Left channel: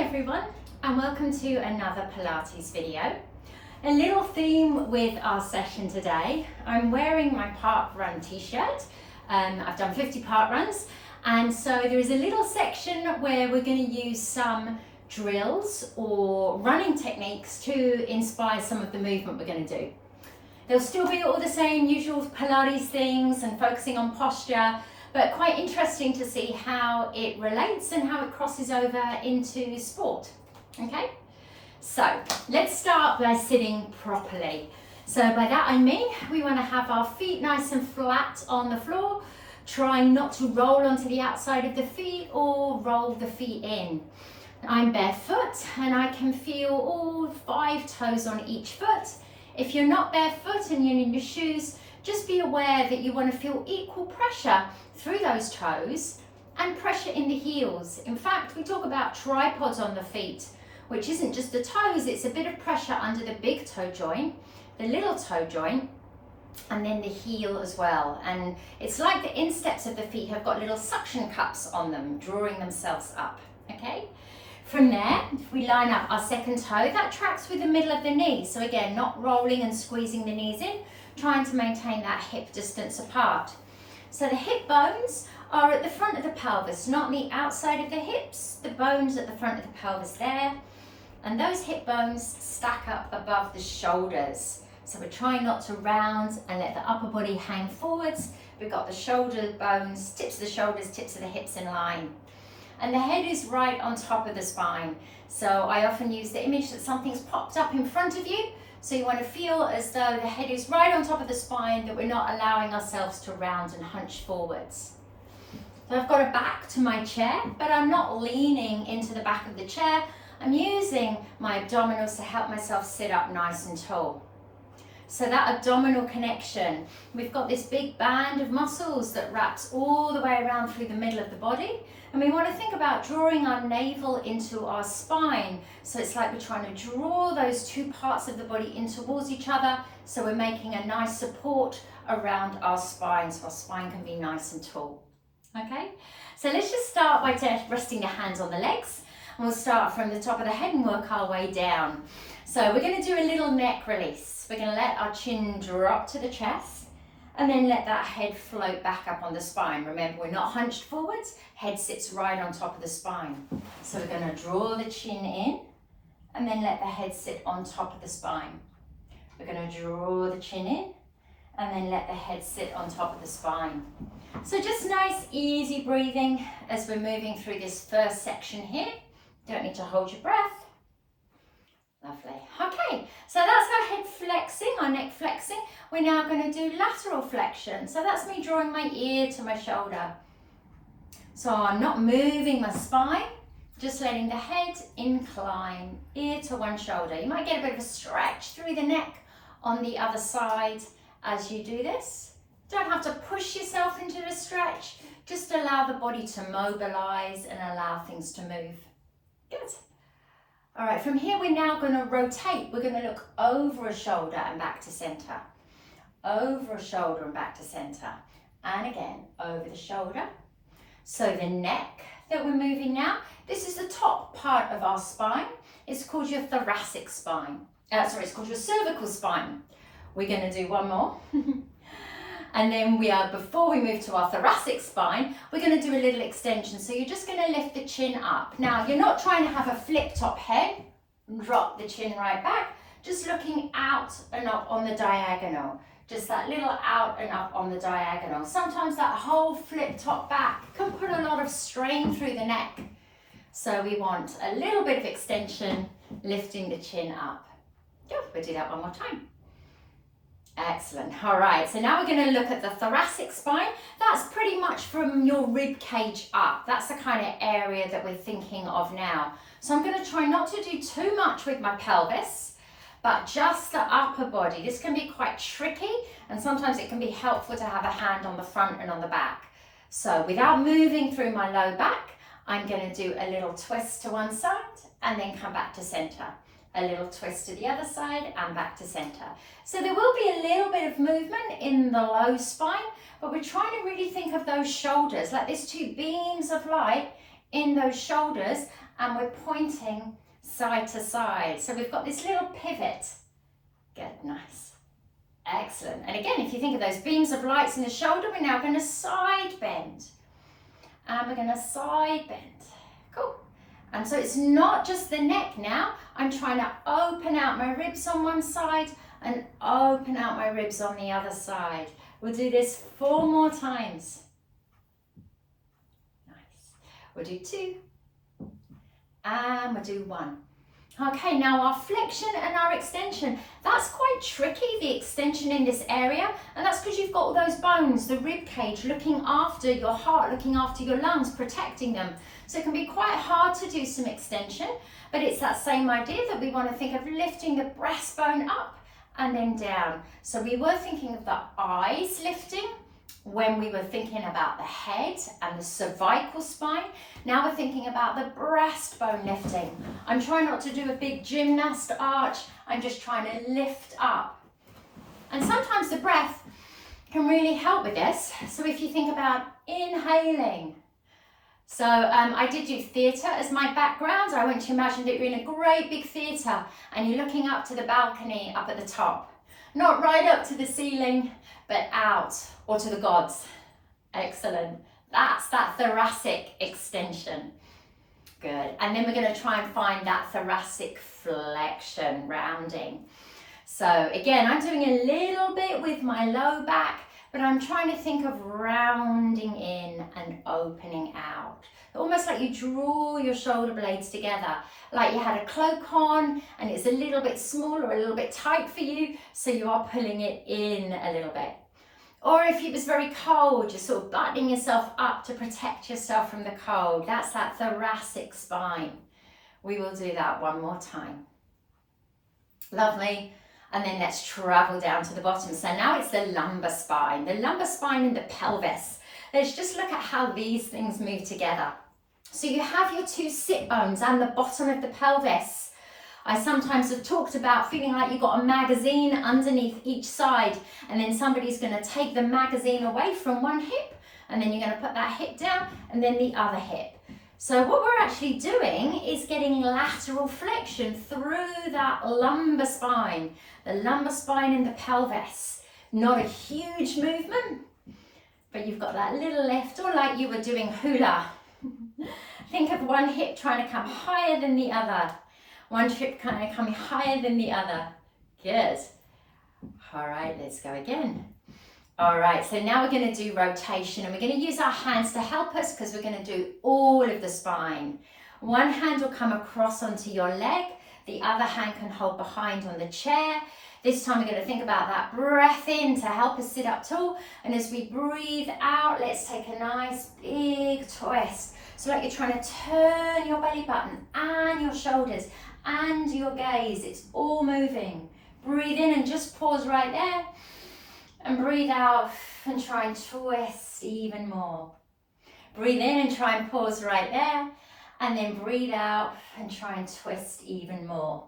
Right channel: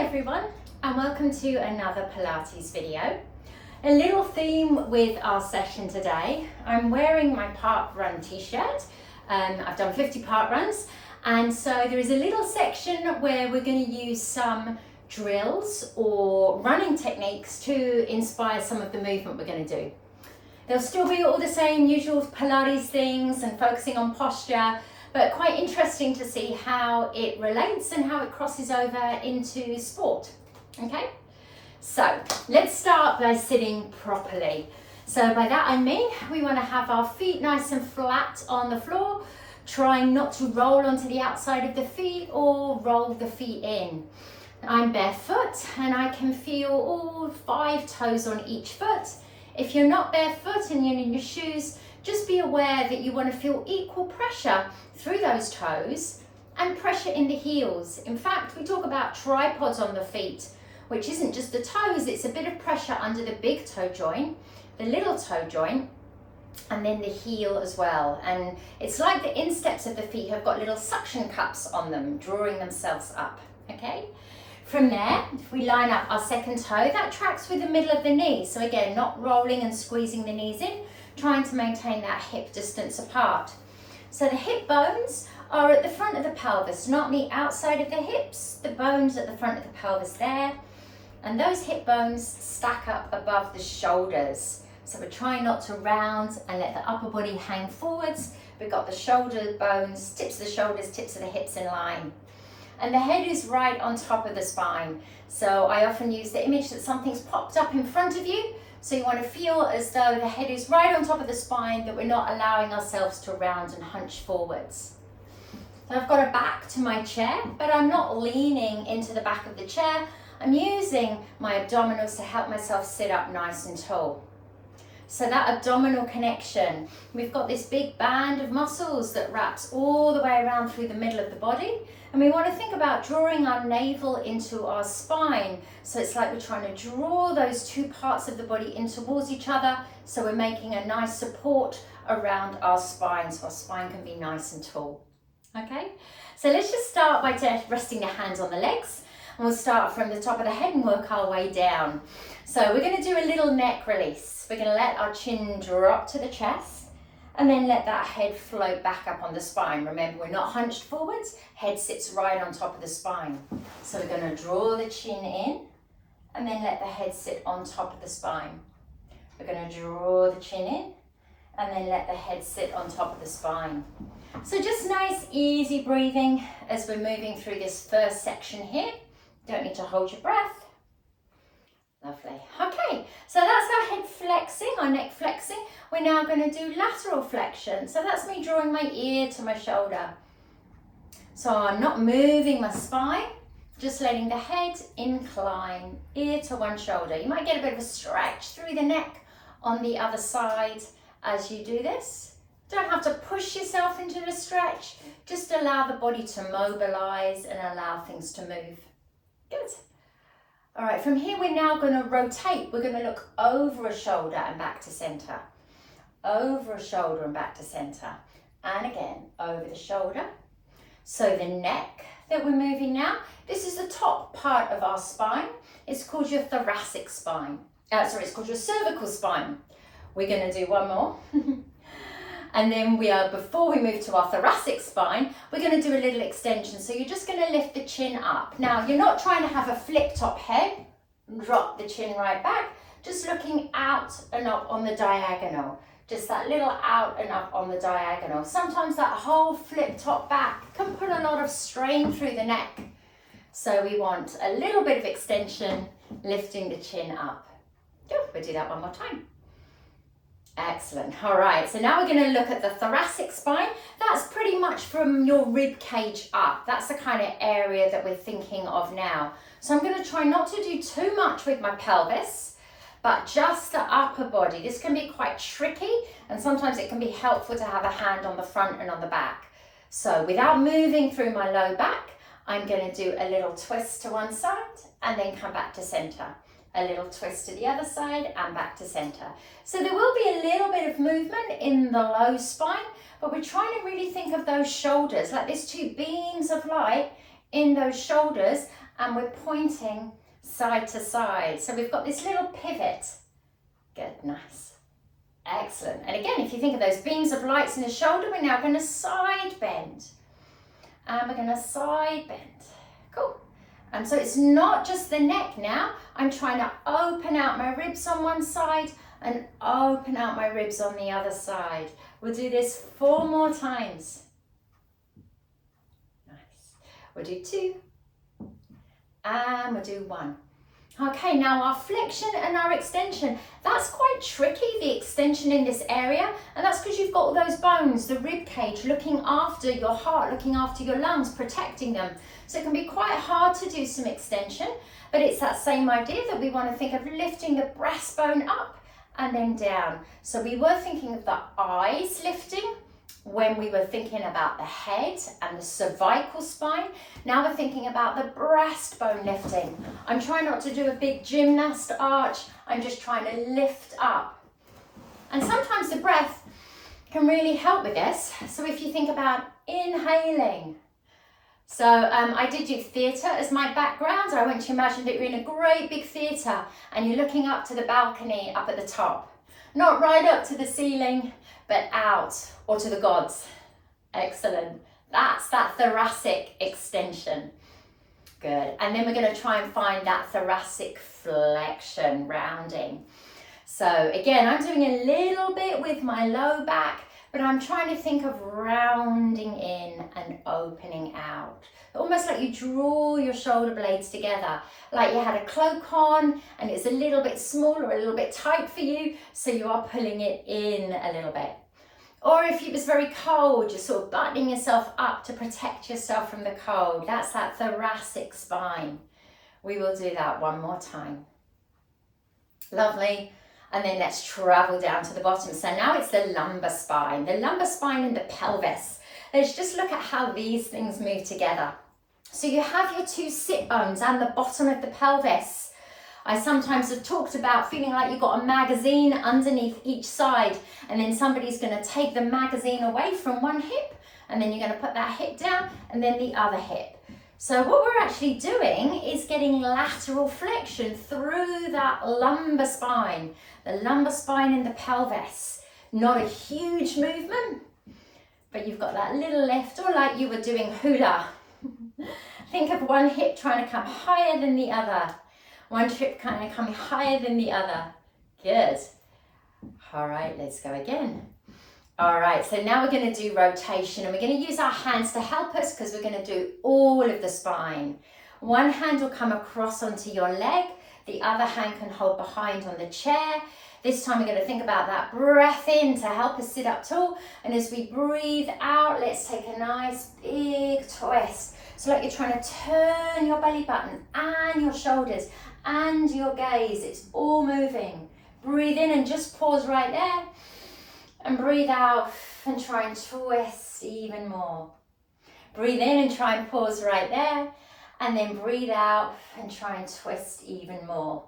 Hi everyone, and welcome to another Pilates video. A little theme with our session today. I'm wearing my park run t-shirt. I've done 50 park runs, and so there is a little section where we're going to use some drills or running techniques to inspire some of the movement we're going to do. There'll still be all the same usual Pilates things and focusing on posture, but quite interesting to see how it relates and how it crosses over into sport. Okay, so let's start by sitting properly. So by that I mean we want to have our feet nice and flat on the floor, trying not to roll onto the outside of the feet or roll the feet in. I'm barefoot and I can feel all 5 toes on each foot. If you're not barefoot and you're in your shoes, just be aware that you want to feel equal pressure through those toes and pressure in the heels. In fact, we talk about tripods on the feet, which isn't just the toes, it's a bit of pressure under the big toe joint, the little toe joint, and then the heel as well. And it's like the insteps of the feet have got little suction cups on them, drawing themselves up, okay? From there, if we line up our second toe, that tracks with the middle of the knee. So again, not rolling and squeezing the knees in, trying to maintain that hip distance apart. So the hip bones are at the front of the pelvis, not on the outside of the hips. The bones at the front of the pelvis there. And those hip bones stack up above the shoulders. So we're trying not to round and let the upper body hang forwards. We've got the shoulder bones, tips of the shoulders, tips of the hips in line. And the head is right on top of the spine. So I often use the image that something's popped up in front of you. So you want to feel as though the head is right on top of the spine, that we're not allowing ourselves to round and hunch forwards. So I've got a back to my chair, but I'm not leaning into the back of the chair. I'm using my abdominals to help myself sit up nice and tall. So that abdominal connection, we've got this big band of muscles that wraps all the way around through the middle of the body. And we want to think about drawing our navel into our spine. So it's like we're trying to draw those two parts of the body in towards each other. So we're making a nice support around our spine, so our spine can be nice and tall. Okay, so let's just start by resting the hands on the legs. And we'll start from the top of the head and work our way down. So we're going to do a little neck release. We're going to let our chin drop to the chest and then let that head float back up on the spine. Remember, we're not hunched forwards. Head sits right on top of the spine. So we're going to draw the chin in and then let the head sit on top of the spine. We're going to draw the chin in and then let the head sit on top of the spine. So just nice, easy breathing as we're moving through this first section here. Don't need to hold your breath. Lovely. Okay, so that's our head flexing, our neck flexing. We're now going to do lateral flexion. So that's me drawing my ear to my shoulder. So I'm not moving my spine, just letting the head incline, ear to one shoulder. You might get a bit of a stretch through the neck on the other side as you do this. Don't have to push yourself into the stretch. Just allow the body to mobilize and allow things to move. Good. All right, from here we're now going to rotate. We're going to look over a shoulder and back to center. Over a shoulder and back to center. And again, over the shoulder. So the neck that we're moving now, this is the top part of our spine. It's called your thoracic spine. It's called your cervical spine. We're going to do one more. And then before we move to our thoracic spine, we're going to do a little extension. So you're just going to lift the chin up. Now, you're not trying to have a flip top head, drop the chin right back, just looking out and up on the diagonal. Just that little out and up on the diagonal. Sometimes that whole flip top back can put a lot of strain through the neck. So we want a little bit of extension, lifting the chin up. Good, we'll do that one more time. Excellent. All right, so now we're going to look at the thoracic spine. That's pretty much from your rib cage up. That's the kind of area that we're thinking of now. So I'm going to try not to do too much with my pelvis, but just the upper body. This can be quite tricky, and sometimes it can be helpful to have a hand on the front and on the back. So without moving through my low back, I'm going to do a little twist to one side and then come back to center. A little twist to the other side and back to center. So there will be a little bit of movement in the low spine, but we're trying to really think of those shoulders, like there's two beams of light in those shoulders, and we're pointing side to side. So we've got this little pivot. Good, nice. Excellent. And again, if you think of those beams of lights in the shoulder, we're now going to side bend. And we're going to side bend. Cool. And so it's not just the neck now. I'm trying to open out my ribs on one side and open out my ribs on the other side. We'll do this 4 more times. Nice. We'll do 2. And we'll do 1. Okay, now our flexion and our extension, that's quite tricky, the extension in this area, and that's because you've got all those bones, the rib cage looking after your heart, looking after your lungs, protecting them. So it can be quite hard to do some extension, but it's that same idea that we want to think of lifting the breastbone up and then down. So we were thinking of the eyes lifting when we were thinking about the head and the cervical spine. Now we're thinking about the breastbone lifting. I'm trying not to do a big gymnast arch. I'm just trying to lift up. And sometimes the breath can really help with this. So if you think about inhaling. So I did do theatre as my background. I want you to imagine that you're in a great big theatre and you're looking up to the balcony up at the top. Not right up to the ceiling, but out or to the gods. Excellent. That's that thoracic extension. Good. And then we're going to try and find that thoracic flexion, rounding. So again, I'm doing a little bit with my low back, but I'm trying to think of rounding in and opening out. Almost like you draw your shoulder blades together, like you had a cloak on and it's a little bit small or a little bit tight for you, so you are pulling it in a little bit. Or if it was very cold, you're sort of buttoning yourself up to protect yourself from the cold. That's that thoracic spine. We will do that 1 more time. Lovely. And then let's travel down to the bottom. So now it's the lumbar spine in the pelvis. Let's just look at how these things move together. So you have your 2 sit bones and the bottom of the pelvis. I sometimes have talked about feeling like you've got a magazine underneath each side, and then somebody's going to take the magazine away from one hip, and then you're going to put that hip down and then the other hip. So what we're actually doing is getting lateral flexion through that lumbar spine, the lumbar spine in the pelvis. Not a huge movement, but you've got that little lift, or like you were doing hula. Think of one hip trying to come higher than the other. One hip kind of coming higher than the other. Good. All right, let's go again. All right, so now we're going to do rotation, and we're going to use our hands to help us because we're going to do all of the spine. One hand will come across onto your leg. The other hand can hold behind on the chair. This time we're going to think about that breath in to help us sit up tall. And as we breathe out, let's take a nice big twist. So like you're trying to turn your belly button and your shoulders and your gaze. It's all moving. Breathe in and just pause right there. And breathe out and try and twist even more. Breathe in and try and pause right there. And then breathe out and try and twist even more.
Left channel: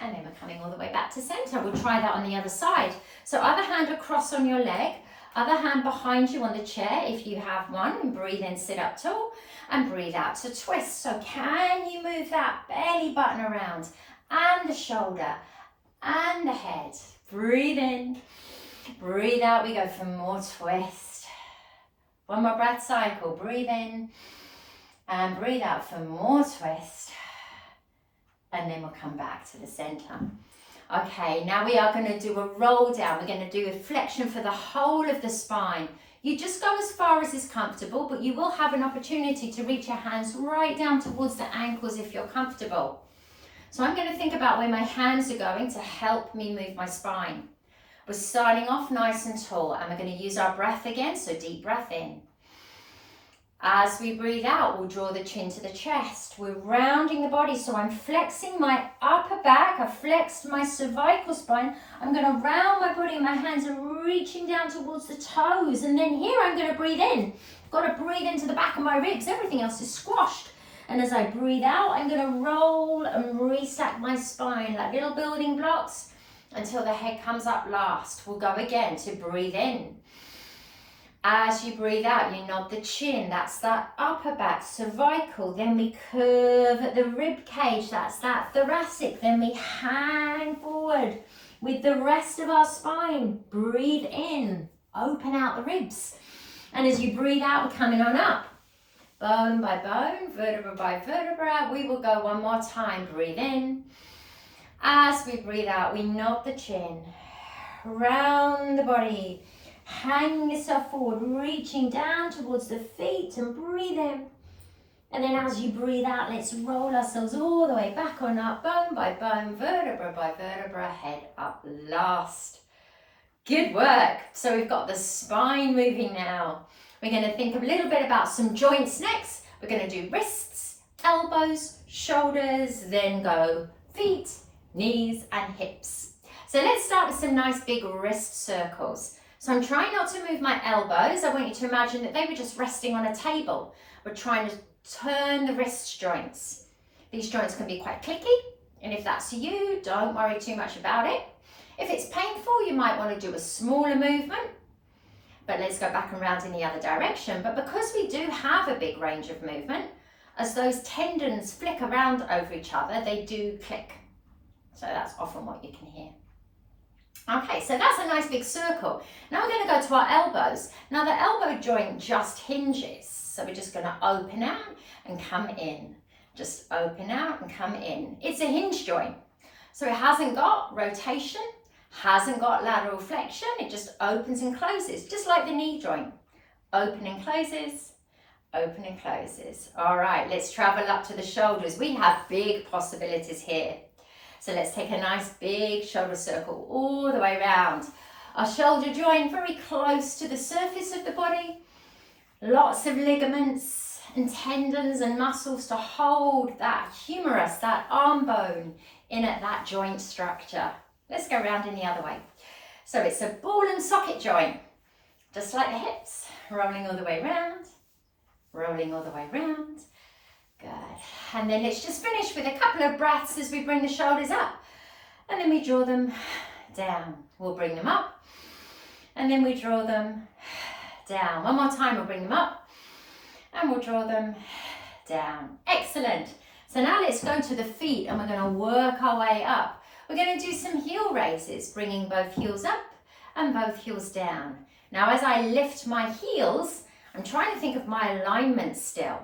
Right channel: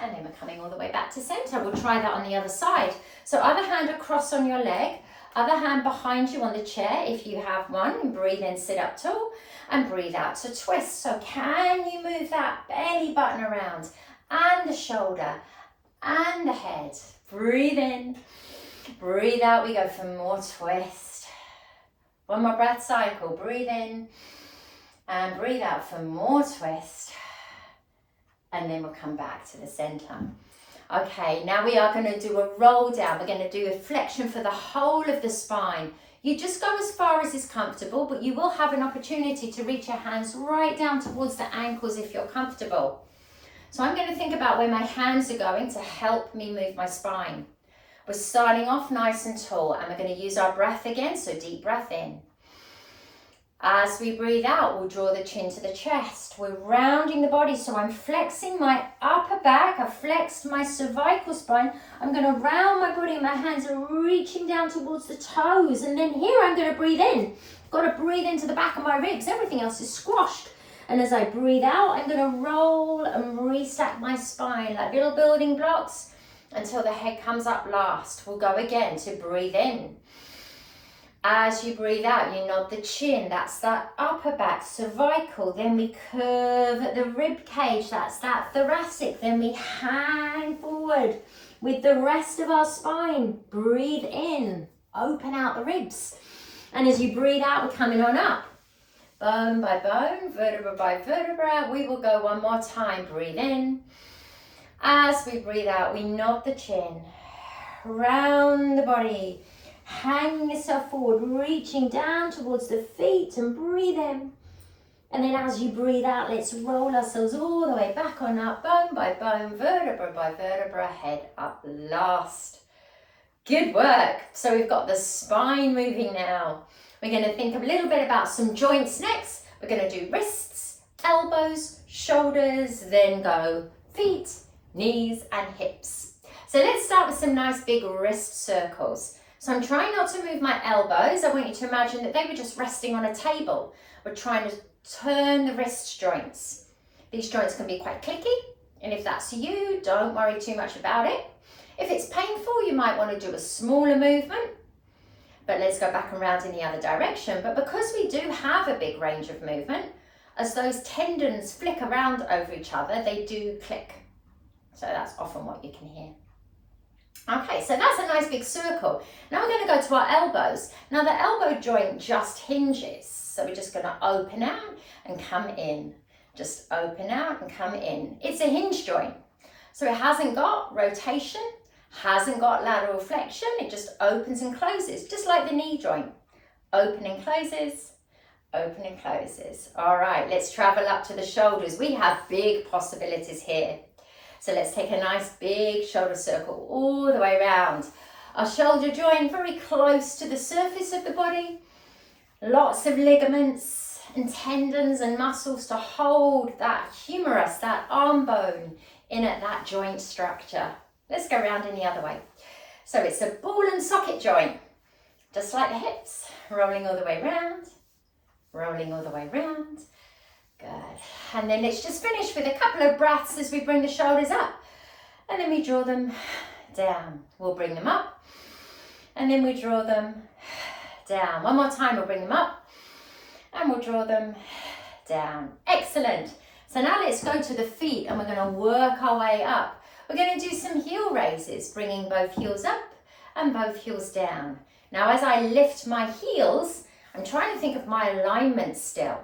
And then we're coming all the way back to center. We'll try that on the other side. So other hand across on your leg, other hand behind you on the chair if you have one, and breathe in, sit up tall, and breathe out to twist. So can you move that belly button around, and the shoulder, and the head? Breathe in, breathe out, we go for more twist. One more breath cycle, breathe in, and breathe out for more twist. And then we'll come back to the center. Okay, now we are going to do a roll down. We're going to do a flexion for the whole of the spine. You just go as far as is comfortable, but you will have an opportunity to reach your hands right down towards the ankles if you're comfortable. So I'm going to think about where my hands are going to help me move my spine. We're starting off nice and tall, and we're going to use our breath again, so deep breath in. As we breathe out, we'll draw the chin to the chest. We're rounding the body, so I'm flexing my upper back. I've flexed my cervical spine. I'm going to round my body, and my hands are reaching down towards the toes. And then here I'm going to breathe in. I've got to breathe into the back of my ribs. Everything else is squashed. And as I breathe out, I'm going to roll and restack my spine like little building blocks until the head comes up last. We'll go again to breathe in. As you breathe out, you nod the chin, that's that upper back, cervical. Then we curve the rib cage, that's that thoracic. Then we hang forward with the rest of our spine. Breathe in, open out the ribs. And as you breathe out, we're coming on up. Bone by bone, vertebra by vertebra. We will go one more time. Breathe in. As we breathe out, we nod the chin, round the body. Hang yourself forward, reaching down towards the feet and breathe in. And then as you breathe out, let's roll ourselves all the way back on up, bone by bone, vertebra by vertebra, head up last. Good work. So we've got the spine moving now. We're going to think a little bit about some joints next. We're going to do wrists, elbows, shoulders, then go feet, knees and hips. So let's start with some nice big wrist circles. So I'm trying not to move my elbows. I want you to imagine that they were just resting on a table. We're trying to turn the wrist joints. These joints can be quite clicky, and if that's you, don't worry too much about it. If it's painful, you might want to do a smaller movement, but let's go back and round in the other direction. But because we do have a big range of movement, as those tendons flick around over each other, they do click. So that's often what you can hear. Okay, so that's a nice big circle. Now we're going to go to our elbows. Now the elbow joint just hinges. So we're just going to open out and come in. Just open out and come in. It's a hinge joint. So it hasn't got rotation, hasn't got lateral flexion. It just opens and closes, just like the knee joint. Open and closes, open and closes. All right, let's travel up to the shoulders. We have big possibilities here. So let's take a nice big shoulder circle all the way around. Our shoulder joint very close to the surface of the body. Lots of ligaments and tendons and muscles to hold that humerus, that arm bone in at that joint structure. Let's go around in the other way. So it's a ball and socket joint, just like the hips, rolling all the way around, rolling all the way around. Good. And then let's just finish with a couple of breaths as we bring the shoulders up. And then we draw them down. We'll bring them up. And then we draw them down. One more time, we'll bring them up. And we'll draw them down. Excellent. So now let's go to the feet and we're going to work our way up. We're going to do some heel raises, bringing both heels up and both heels down. Now as I lift my heels, I'm trying to think of my alignment still.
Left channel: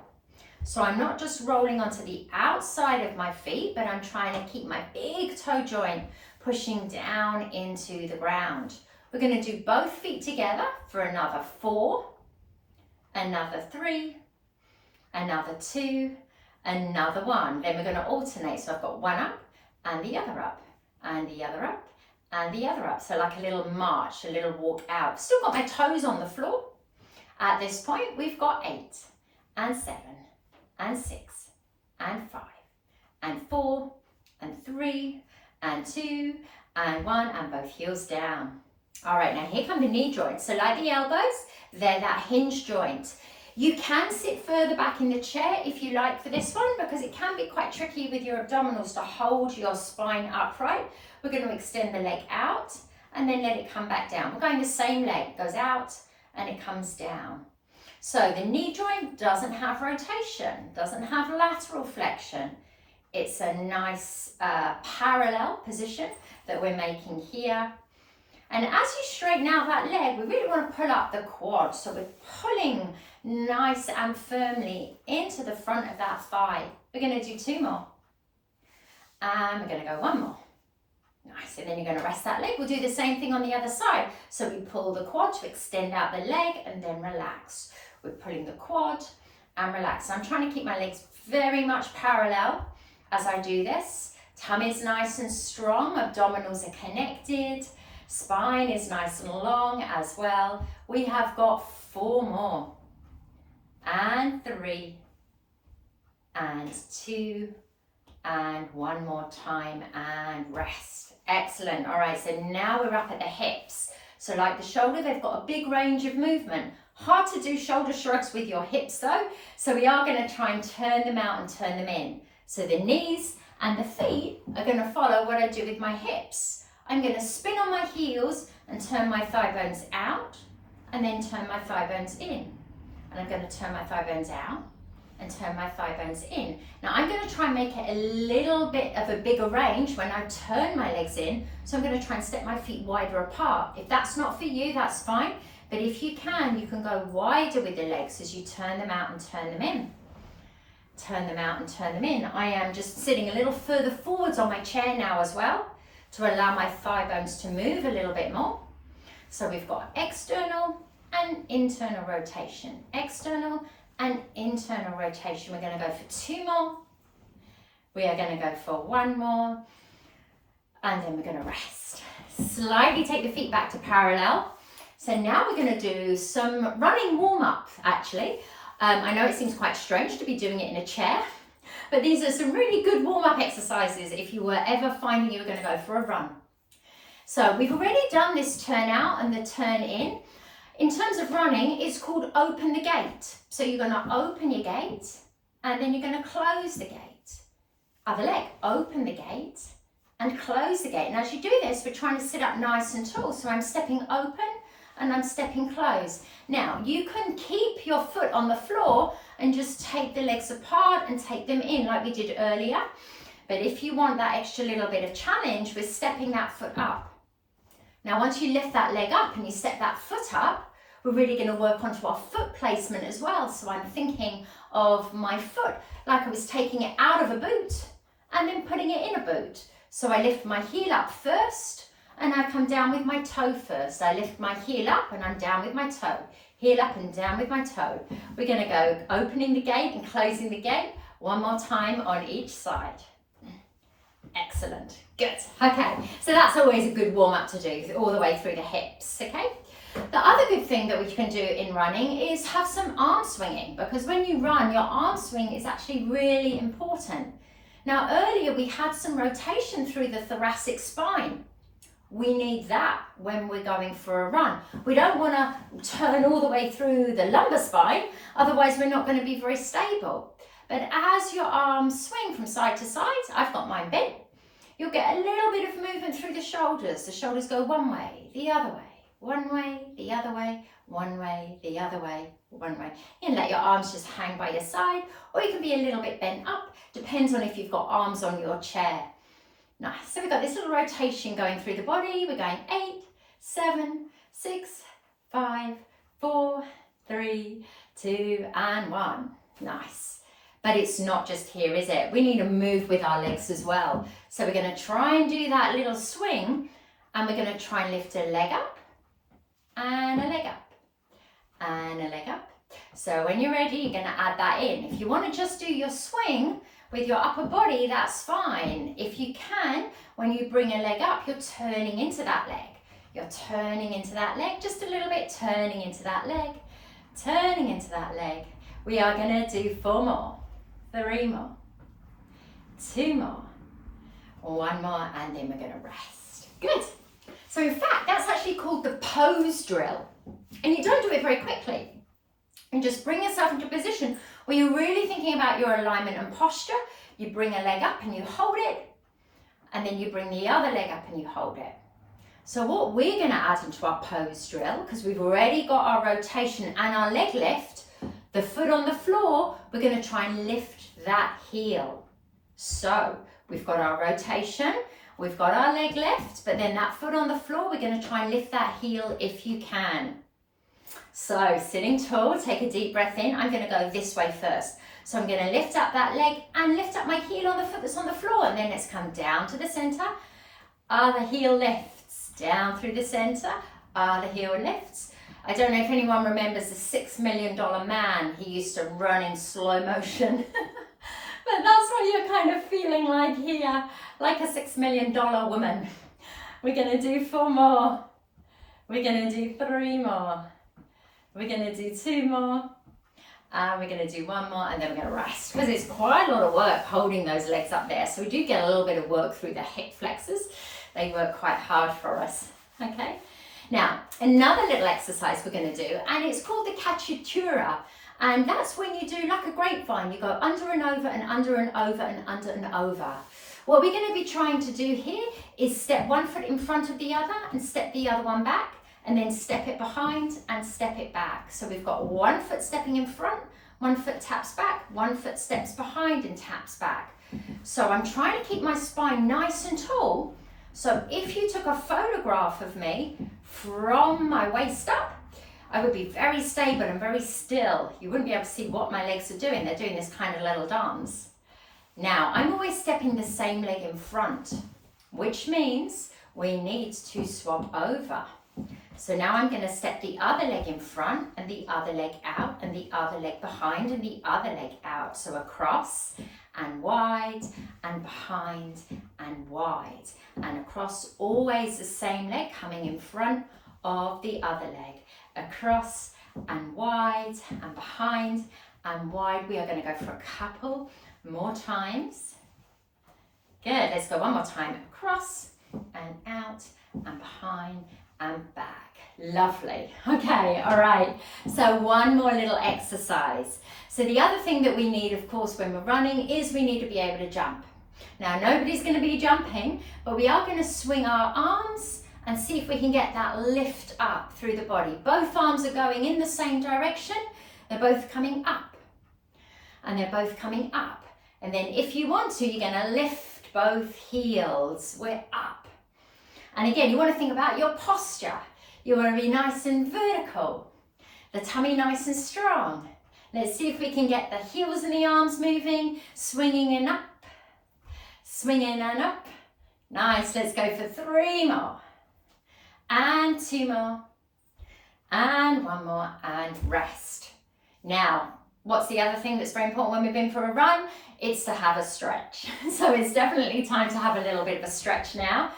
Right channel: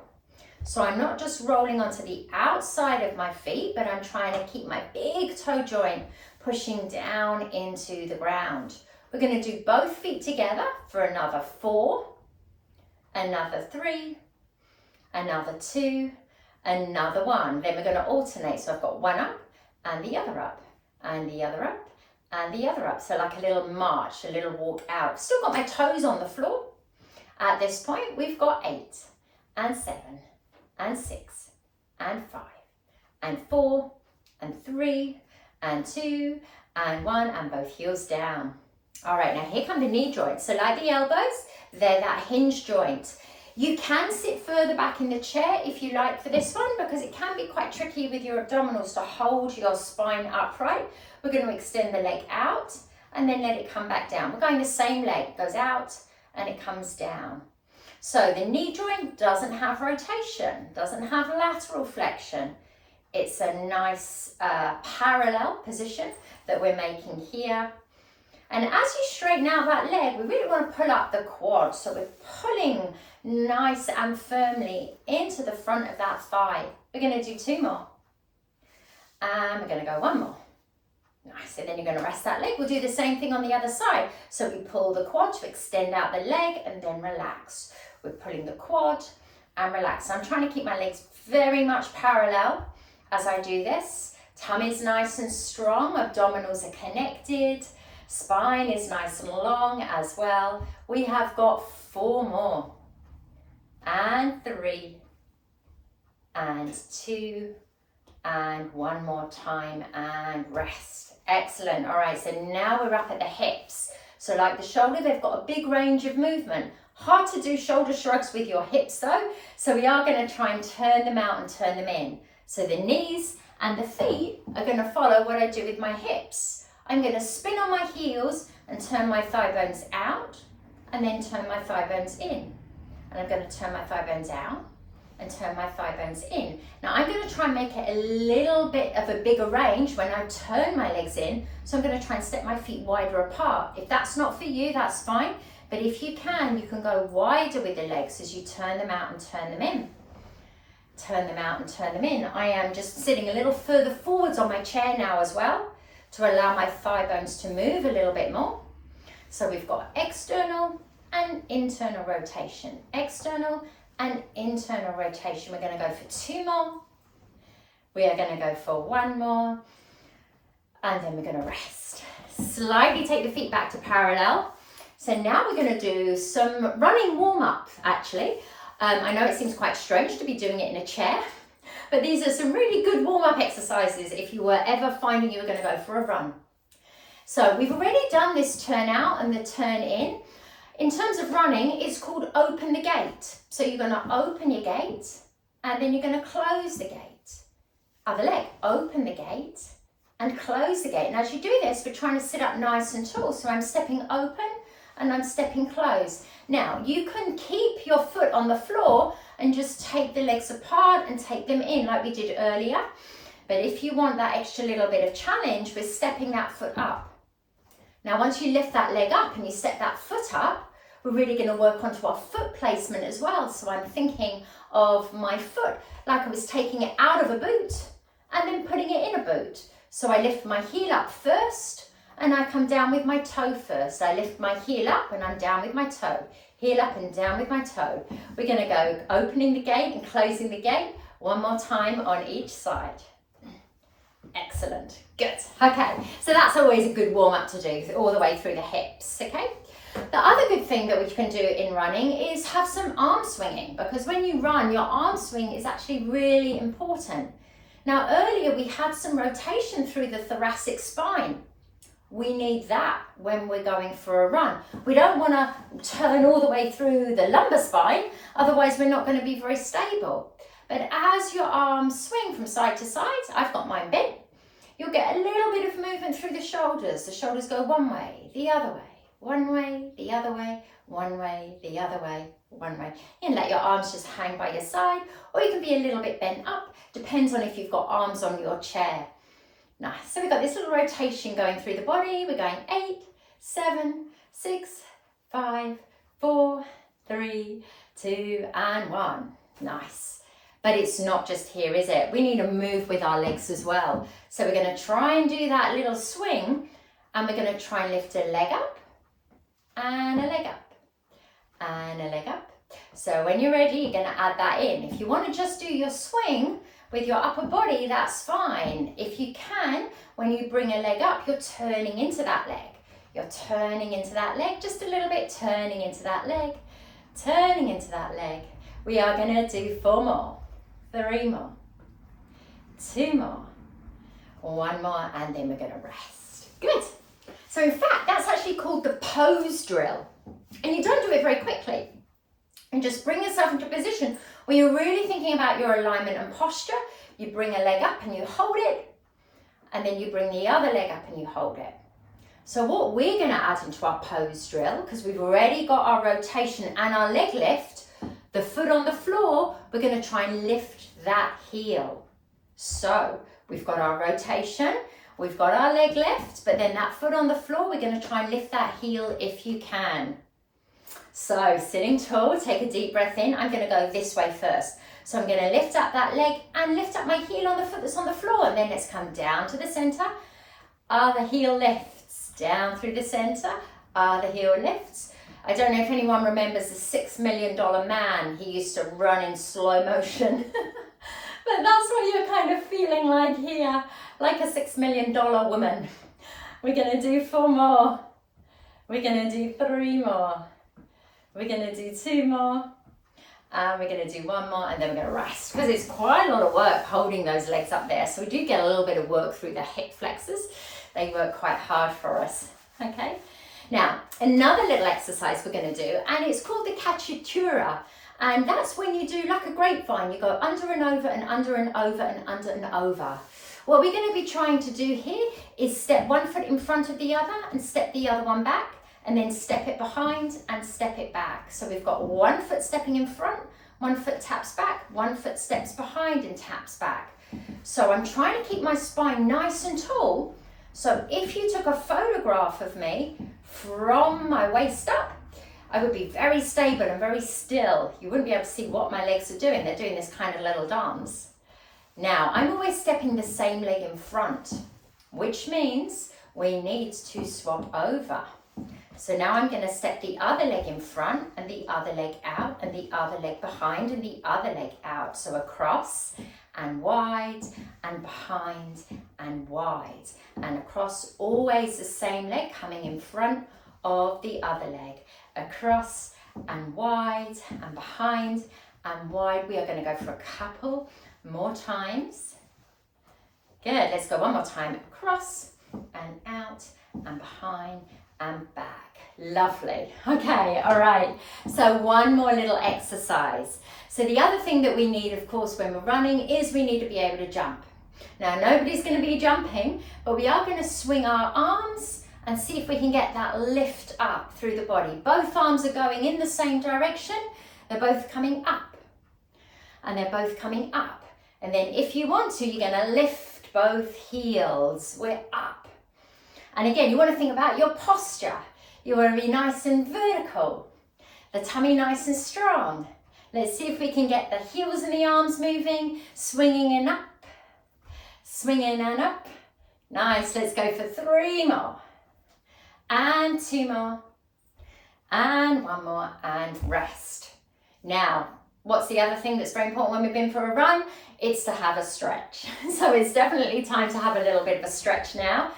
So I'm not just rolling onto the outside of my feet, but I'm trying to keep my big toe joint pushing down into the ground. We're going to do both feet together for another 4, another 3, another 2, another 1. Then we're going to alternate. So I've got one up and the other up and the other up and the other up. So like a little march, a little walk out. Still got my toes on the floor. At this point, we've got 8 and 7 and 6 and 5 and 4 and 3 and 2 and 1 and both heels down. All right, now here come the knee joints. So like the elbows, they're that hinge joint. You can sit further back in the chair if you like for this one, because it can be quite tricky with your abdominals to hold your spine upright. We're going to extend the leg out and then let it come back down. We're going the same leg, it goes out and it comes down. So the knee joint doesn't have rotation, doesn't have lateral flexion. It's a nice parallel position that we're making here. And as you straighten out that leg, we really want to pull up the quad. So we're pulling nice and firmly into the front of that thigh. We're going to do 2 more. And we're going to go 1 more. Nice, and then you're going to rest that leg. We'll do the same thing on the other side. So we pull the quad to extend out the leg and then relax. We're pulling the quad and relax. So I'm trying to keep my legs very much parallel as I do this. Tummy's nice and strong, abdominals are connected, spine is nice and long as well. We have got 4 more, and 3, and 2, and 1 more time, and rest. Excellent. All right, so now we're up at the hips. So like the shoulder, they've got a big range of movement. Hard to do shoulder shrugs with your hips though, so we are going to try and turn them out and turn them in. So the knees and the feet are going to follow what I do with my hips. I'm going to spin on my heels and turn my thigh bones out and then turn my thigh bones in. And I'm going to turn my thigh bones out and turn my thigh bones in. Now I'm going to try and make it a little bit of a bigger range when I turn my legs in. So I'm going to try and step my feet wider apart. If that's not for you, that's fine. But if you can go wider with the legs as you turn them out and turn them in. Turn them out and turn them in. I am just sitting a little further forwards on my chair now as well to allow my thigh bones to move a little bit more. So we've got external and internal rotation. External and internal rotation. We're going to go for 2 more. We are going to go for 1 more. And then we're going to rest. Slightly take the feet back to parallel. So now we're going to do some running warm-up actually. I know it seems quite strange to be doing it in a chair, but these are some really good warm-up exercises if you were ever finding you were going to go for a run. So we've already done this turn out and the turn in. In terms of running, it's called open the gate. So you're going to open your gate and then you're going to close the gate. Other leg, open the gate and close the gate. And as you do this, we're trying to sit up nice and tall. So I'm stepping open and I'm stepping close. Now you can keep your foot on the floor and just take the legs apart and take them in like we did earlier. But if you want that extra little bit of challenge with stepping that foot up. Now once you lift that leg up and you step that foot up, we're really going to work onto our foot placement as well. So I'm thinking of my foot like I was taking it out of a boot and then putting it in a boot. So I lift my heel up first and I come down with my toe first. I lift my heel up and I'm down with my toe. Heel up and down with my toe. We're going to go opening the gate and closing the gate 1 more time on each side. Excellent. Good. Okay, so that's always a good warm up to do all the way through the hips, okay? The other good thing that we can do in running is have some arm swinging, because when you run, your arm swing is actually really important. Now earlier we had some rotation through the thoracic spine. We need that when we're going for a run. We don't want to turn all the way through the lumbar spine, otherwise we're not going to be very stable. But as your arms swing from side to side, I've got mine bent, you'll get a little bit of movement through the shoulders. The shoulders go one way, the other way. One way, the other way, one way, the other way, one way. You can let your arms just hang by your side, or you can be a little bit bent up. Depends on if you've got arms on your chair. Nice. So we've got this little rotation going through the body. We're going 8, 7, 6, 5, 4, 3, 2, and 1. Nice. But it's not just here, is it? We need to move with our legs as well. So we're going to try and do that little swing, and we're going to try and lift a leg up. And a leg up, and a leg up. So when you're ready, you're going to add that in. If you want to just do your swing with your upper body, that's fine. If you can, when you bring a leg up, you're turning into that leg. You're turning into that leg, just a little bit, turning into that leg, turning into that leg. We are going to do 4 more, 3 more, 2 more, 1 more, and then we're going to rest. Good. So in fact, that's actually called the pose drill. And you don't do it very quickly. And just bring yourself into a position where you're really thinking about your alignment and posture. You bring a leg up and you hold it. And then you bring the other leg up and you hold it. So what we're going to add into our pose drill, because we've already got our rotation and our leg lift, the foot on the floor, we're going to try and lift that heel. So we've got our rotation. We've got our leg lift, but then that foot on the floor, we're going to try and lift that heel if you can. So sitting tall, take a deep breath in. I'm going to go this way first. So I'm going to lift up that leg and lift up my heel on the foot that's on the floor. And then let's come down to the center. Other heel lifts, down through the center. Other heel lifts. I don't know if anyone remembers the $6 Million Man. He used to run in slow motion. But that's what you're kind of feeling like here, like a $6 Million woman. We're going to do 4 more. We're going to do 3 more. We're going to do 2 more. And we're going to do 1 more, and then we're going to rest. Because it's quite a lot of work holding those legs up there. So we do get a little bit of work through the hip flexors. They work quite hard for us. Okay. Now, another little exercise we're going to do, and it's called the cacciatura. And that's when you do like a grapevine. You go under and over and under and over and under and over. What we're going to be trying to do here is step one foot in front of the other and step the other one back and then step it behind and step it back. So we've got one foot stepping in front, one foot taps back, one foot steps behind and taps back. So I'm trying to keep my spine nice and tall. So if you took a photograph of me from my waist up, I would be very stable and very still. You wouldn't be able to see what my legs are doing. They're doing this kind of little dance. Now, I'm always stepping the same leg in front, which means we need to swap over. So now I'm going to step the other leg in front and the other leg out and the other leg behind and the other leg out. So across and wide and behind and wide and across, always the same leg coming in front of the other leg. Across and wide and behind and wide. We are going to go for a couple more times. Good, let's go one more time. Across and out and behind and back. Lovely. Okay, all right. So one more little exercise. So the other thing that we need, of course, when we're running is we need to be able to jump. Now, nobody's going to be jumping, but we are going to swing our arms and see if we can get that lift up through the body. Both arms are going in the same direction. They're both coming up. And they're both coming up. And then if you want to, you're going to lift both heels. We're up. And again, you want to think about your posture. You want to be nice and vertical. The tummy nice and strong. Let's see if we can get the heels and the arms moving. Swinging and up. Swinging and up. Nice. Let's go for 3 more. And 2 more, and 1 more, and rest. Now, what's the other thing that's very important when we've been for a run? It's to have a stretch. So it's definitely time to have a little bit of a stretch now.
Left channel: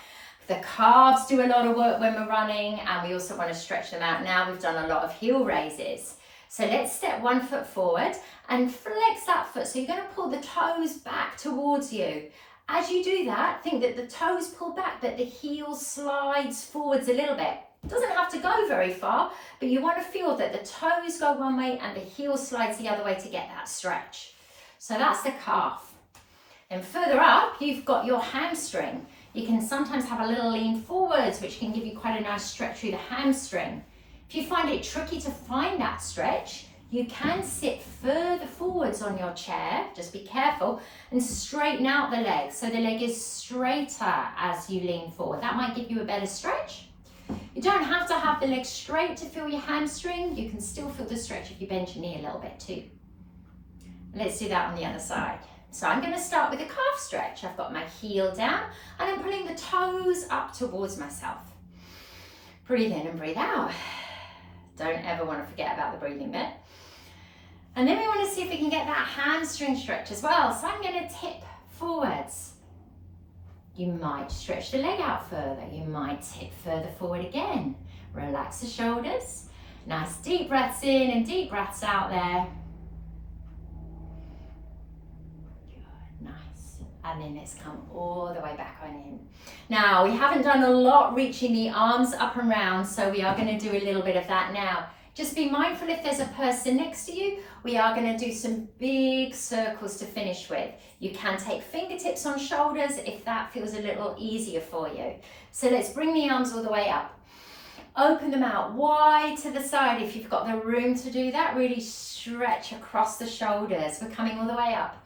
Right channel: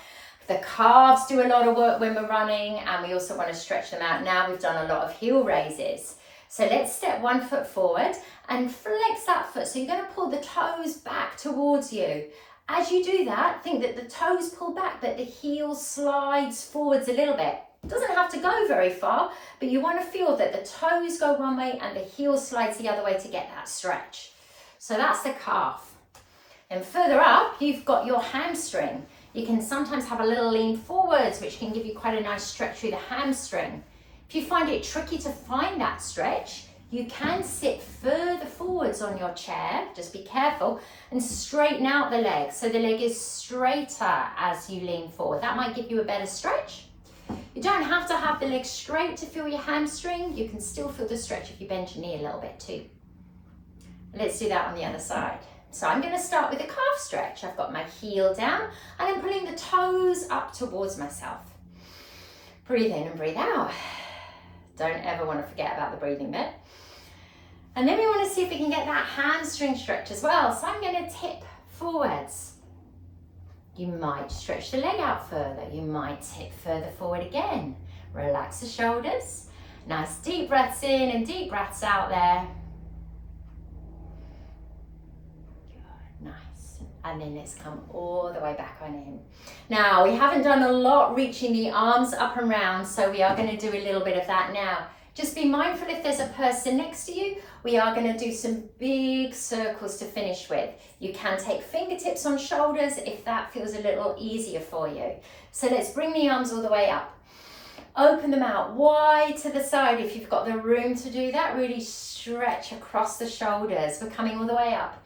The calves do a lot of work when we're running, and we also want to stretch them out. Now we've done a lot of heel raises. So let's step 1 foot forward and flex that foot. So you're going to pull the toes back towards you. As you do that, think that the toes pull back, that the heel slides forwards a little bit. It doesn't have to go very far, but you want to feel that the toes go one way and the heel slides the other way to get that stretch. So that's the calf. And further up, you've got your hamstring. You can sometimes have a little lean forwards, which can give you quite a nice stretch through the hamstring. If you find it tricky to find that stretch, you can sit further forwards on your chair, just be careful, and straighten out the leg. So the leg is straighter as you lean forward. That might give you a better stretch. You don't have to have the leg straight to feel your hamstring. You can still feel the stretch if you bend your knee a little bit too. Let's do that on the other side. So I'm going to start with a calf stretch. I've got my heel down and I'm pulling the toes up towards myself. Breathe in and breathe out. Don't ever want to forget about the breathing bit. And then we want to see if we can get that hamstring stretch as well. So I'm going to tip forwards. You might stretch the leg out further. You might tip further forward again. Relax the shoulders. Nice deep breaths in and deep breaths out there. Good, nice. And then let's come all the way back on in. Now, we haven't done a lot reaching the arms up and round, so we are going to do a little bit of that now. Just be mindful if there's a person next to you. We are going to do some big circles to finish with. You can take fingertips on shoulders if that feels a little easier for you. So let's bring the arms all the way up. Open them out wide to the side if you've got the room to do that. Really stretch across the shoulders. We're coming all the way up.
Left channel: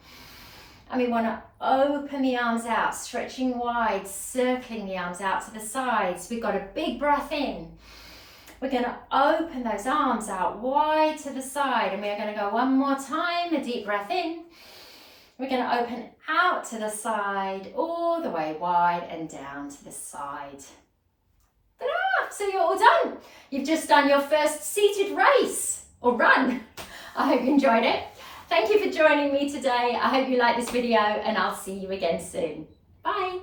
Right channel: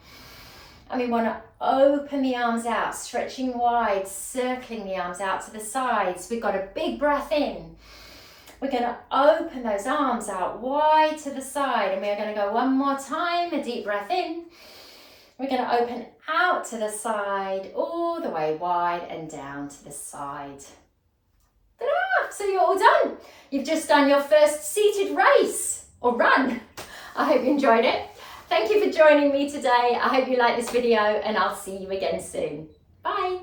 And we want to open the arms out, stretching wide, circling the arms out to the sides. We've got a big breath in. We're going to open those arms out wide to the side, and we're going to go one more time, a deep breath in. We're going to open out to the side, all the way wide and down to the side. Ta-da! So you're all done. You've just done your first seated race or run. I hope you enjoyed it. Thank you for joining me today. I hope you liked this video, and I'll see you again soon. Bye.